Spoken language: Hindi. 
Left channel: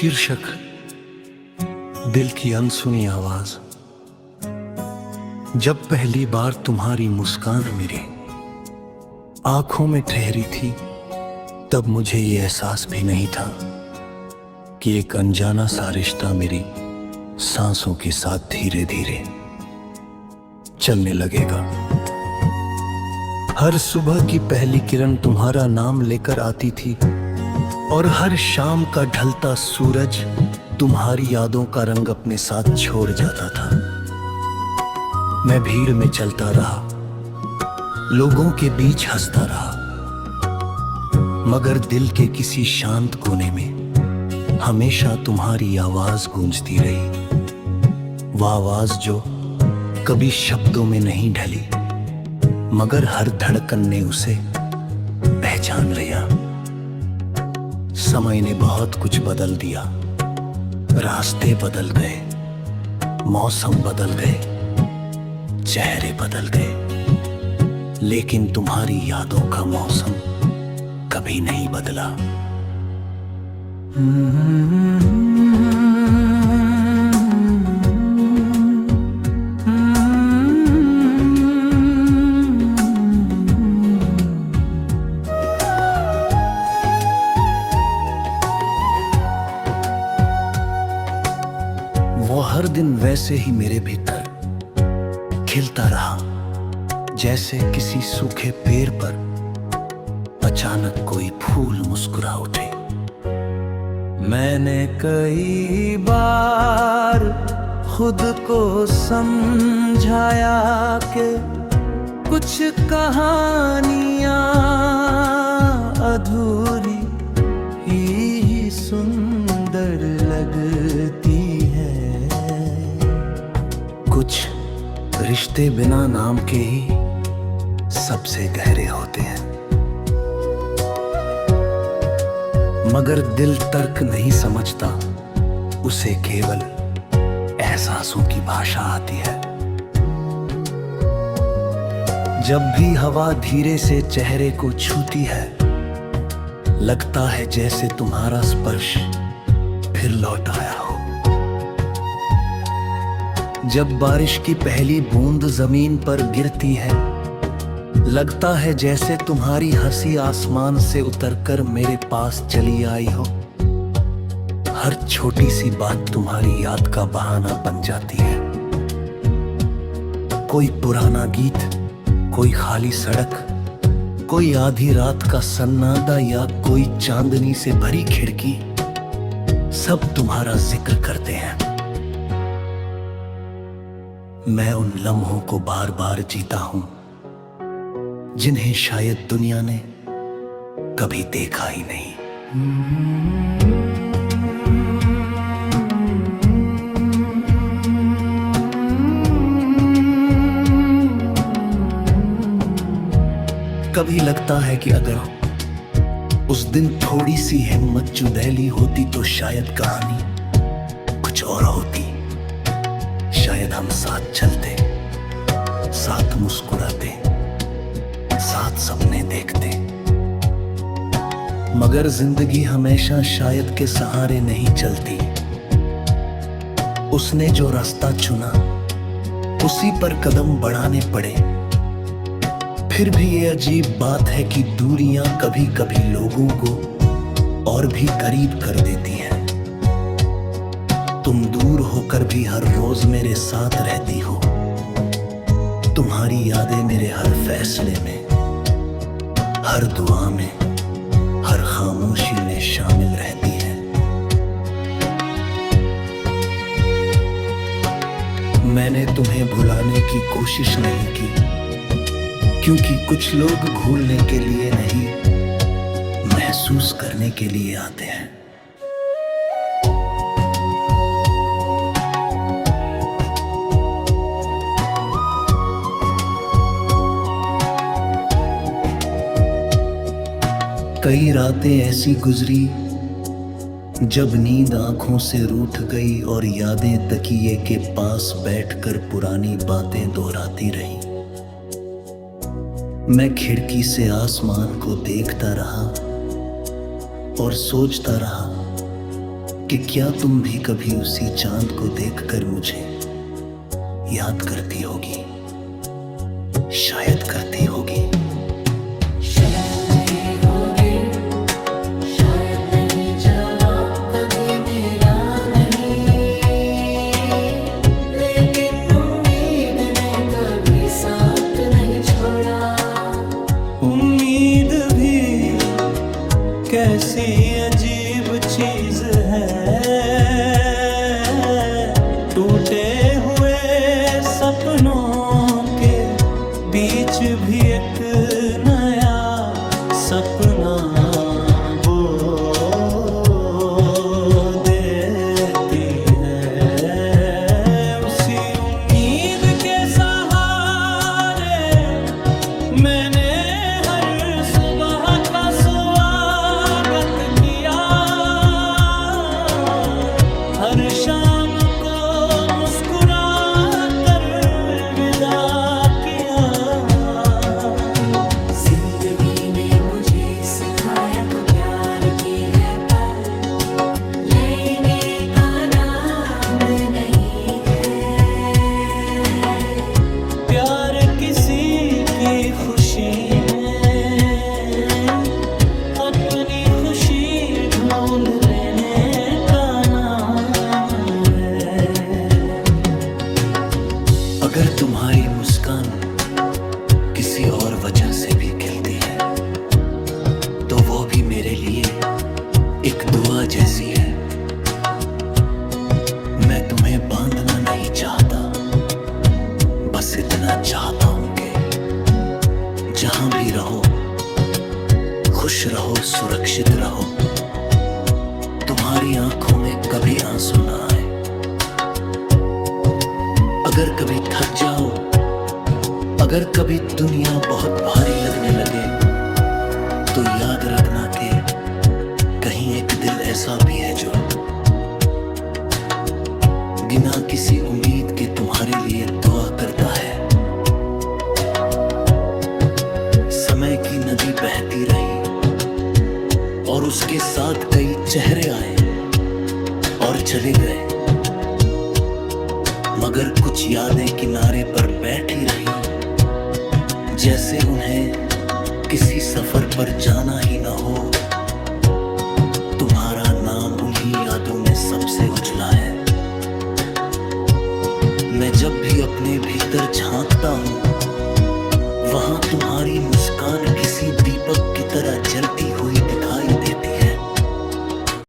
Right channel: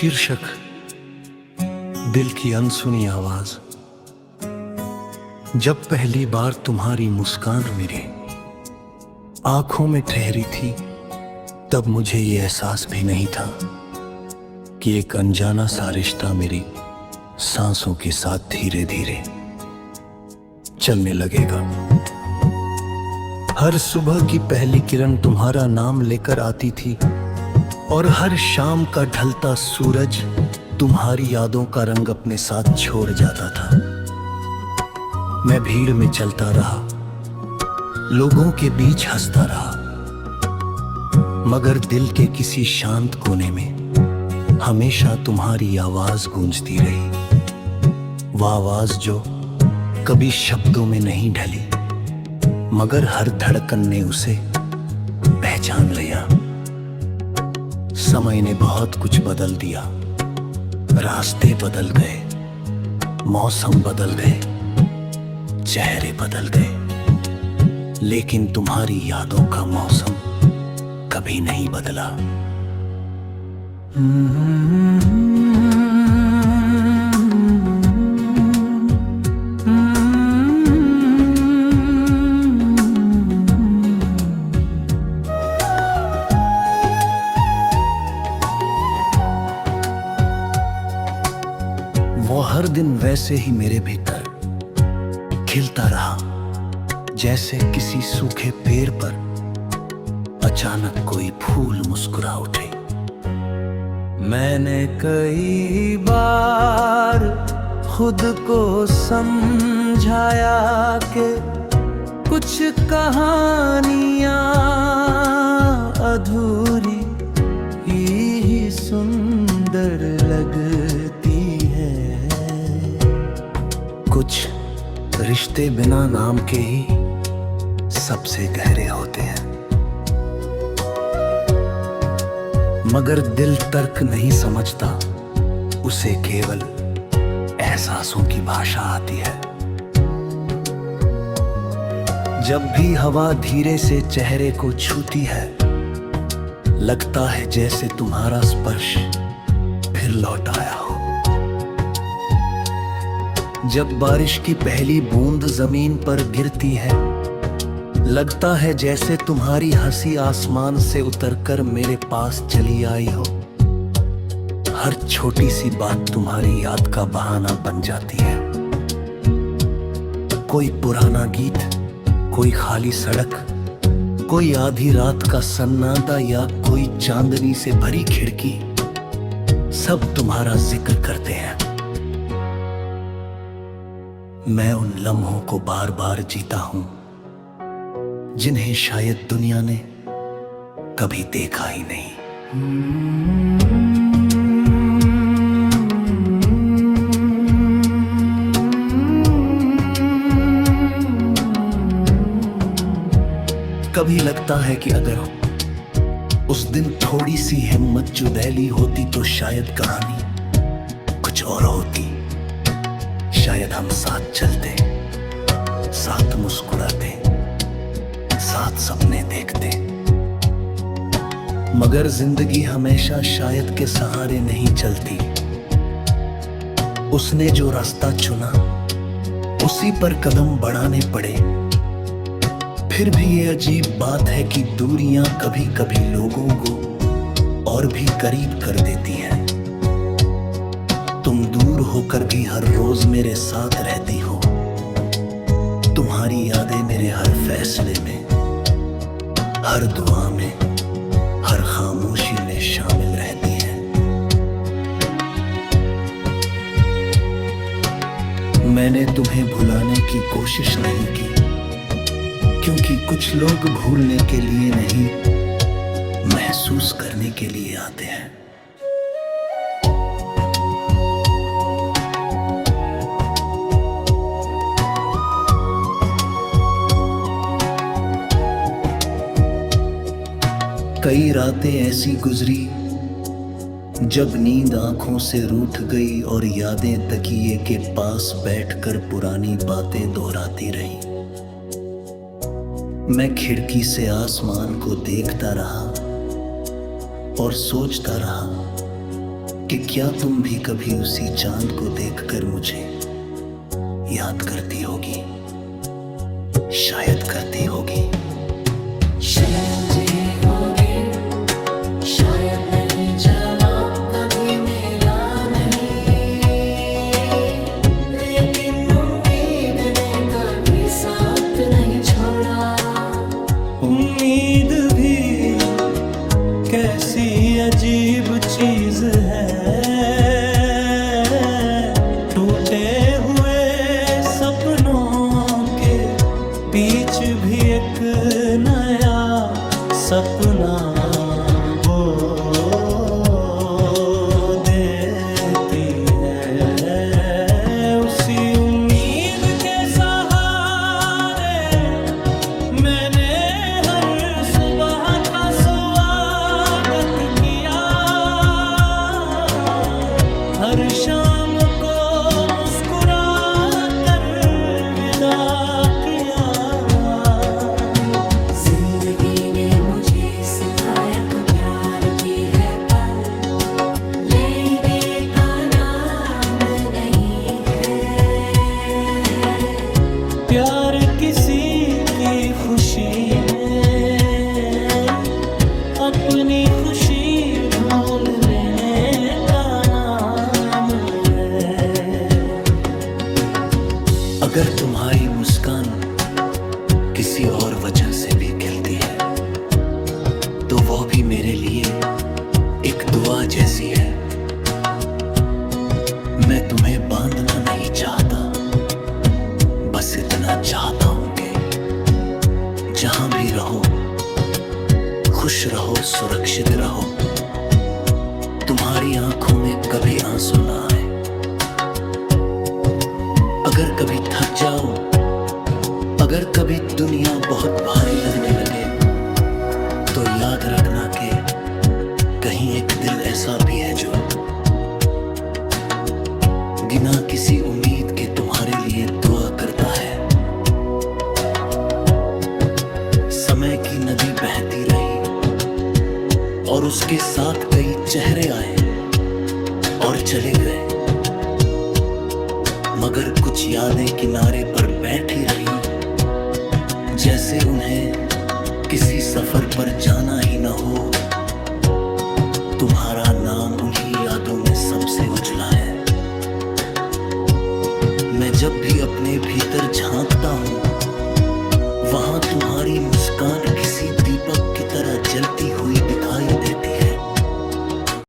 शीर्षक दिल की अनसुनी आवाज। जब पहली बार तुम्हारी मुस्कान मेरी आंखों में ठहरी थी, तब मुझे ये एहसास भी नहीं था कि एक अनजाना सा रिश्ता मेरी सांसों के साथ धीरे धीरे चलने लगेगा। हर सुबह की पहली किरण तुम्हारा नाम लेकर आती थी और हर शाम का ढलता सूरज तुम्हारी यादों का रंग अपने साथ छोड़ जाता था। मैं भीड़ में चलता रहा, लोगों के बीच हंसता रहा, मगर दिल के किसी शांत कोने में हमेशा तुम्हारी आवाज गूंजती रही। वह आवाज जो कभी शब्दों में नहीं ढली, मगर हर धड़कन ने उसे पहचान लिया। समय ने बहुत कुछ बदल दिया, रास्ते बदल गए, मौसम बदल गए, चेहरे बदल गए, लेकिन तुम्हारी यादों का मौसम कभी नहीं बदला। वो हर दिन वैसे ही मेरे भीतर खिलता रहा, जैसे किसी सूखे पेड़ पर अचानक कोई फूल मुस्कुरा उठे। मैंने कई बार खुद को समझाया कि कुछ कहानियां अधूरी ही सुंदर लगती है। कुछ रिश्ते बिना नाम के ही सबसे गहरे होते हैं, मगर दिल तर्क नहीं समझता, उसे केवल एहसासों की भाषा आती है। जब भी हवा धीरे से चेहरे को छूती है, लगता है जैसे तुम्हारा स्पर्श फिर लौट आया हो। जब बारिश की पहली बूंद जमीन पर गिरती है, लगता है जैसे तुम्हारी हंसी आसमान से उतरकर मेरे पास चली आई हो। हर छोटी सी बात तुम्हारी याद का बहाना बन जाती है। कोई पुराना गीत, कोई खाली सड़क, कोई आधी रात का सन्नाटा या कोई चांदनी से भरी खिड़की, सब तुम्हारा जिक्र करते हैं। मैं उन लम्हों को बार बार जीता हूं जिन्हें शायद दुनिया ने कभी देखा ही नहीं। कभी लगता है कि अगर उस दिन थोड़ी सी हिम्मत जुदैली होती तो शायद कहानी कुछ और होती। शायद हम साथ चलते, साथ मुस्कुराते, साथ सपने देखते, मगर जिंदगी हमेशा शायद के सहारे नहीं चलती। उसने जो रास्ता चुना उसी पर कदम बढ़ाने पड़े। फिर भी ये अजीब बात है कि दूरियां कभी कभी लोगों को और भी करीब कर देती हैं। तुम दूर होकर भी हर रोज मेरे साथ रहती हो। तुम्हारी यादें मेरे हर फैसले में, हर दुआ में, हर खामोशी में शामिल रहती है। मैंने तुम्हें भुलाने की कोशिश नहीं की, क्योंकि कुछ लोग भूलने के लिए नहीं, महसूस करने के लिए आते हैं। कई रातें ऐसी गुजरी जब नींद आंखों से रूठ गई और यादें तकिए के पास बैठकर पुरानी बातें दोहराती रहीं। मैं खिड़की से आसमान को देखता रहा और सोचता रहा कि क्या तुम भी कभी उसी चांद को देखकर मुझे याद करती होगी, शायद करती होगी। शायद होगे, शायद नहीं, जवाब कभी मेरा नहीं, लेकिन उम्मीद ने कभी साथ नहीं छोड़ा। उम्मीद भी कैसी अजीब चीज है, टूटे हुए सपनों के बीच भी एक नया सपना वो देती है। उसी उम्मीद के सहारे मैंने हर सुबह का स्वागत किया, हर शाम को मुस्कुरा कर विदा किया। जिंदगी ने मुझे सिखाया तू प्यार की है पर लेने का नाम नहीं है। प्यार किसी की खुशी में अपनी खुशी ढूंढ लेने का नाम है। अगर तुम्हारी मुस्कान किसी और वजह से भी खिलती है तो वो भी मेरे लिए एक दुआ जैसी है। मैं तुम्हें बांधना नहीं चाहता, बस इतना चाहता हूं कि जहां भी रहो खुश रहो, सुरक्षित रहो, तुम्हारी आंखों में कभी आंसू ना आए। अगर कभी थक जाओ, अगर कभी दुनिया बहुत भारी लगने लगे, तो याद रखना कि कहीं एक दिल ऐसा भी है जो बिना किसी उम्मीद के तुम्हारे लिए दुआ करता है। समय की नदी बहती रही और उसके साथ कई चेहरे आए और चले गए, मगर कुछ यादें किनारे पर बैठी रहीं, जैसे उन्हें किसी सफर पर जाना ही ना हो। तुम्हारा नाम उन्हीं यादों में सबसे उजला है। मैं जब भी अपने भीतर झांकता हूं, वहां तुम्हारी मुस्कान किसी दीपक की तरह जलती हुई दिखाई देती है।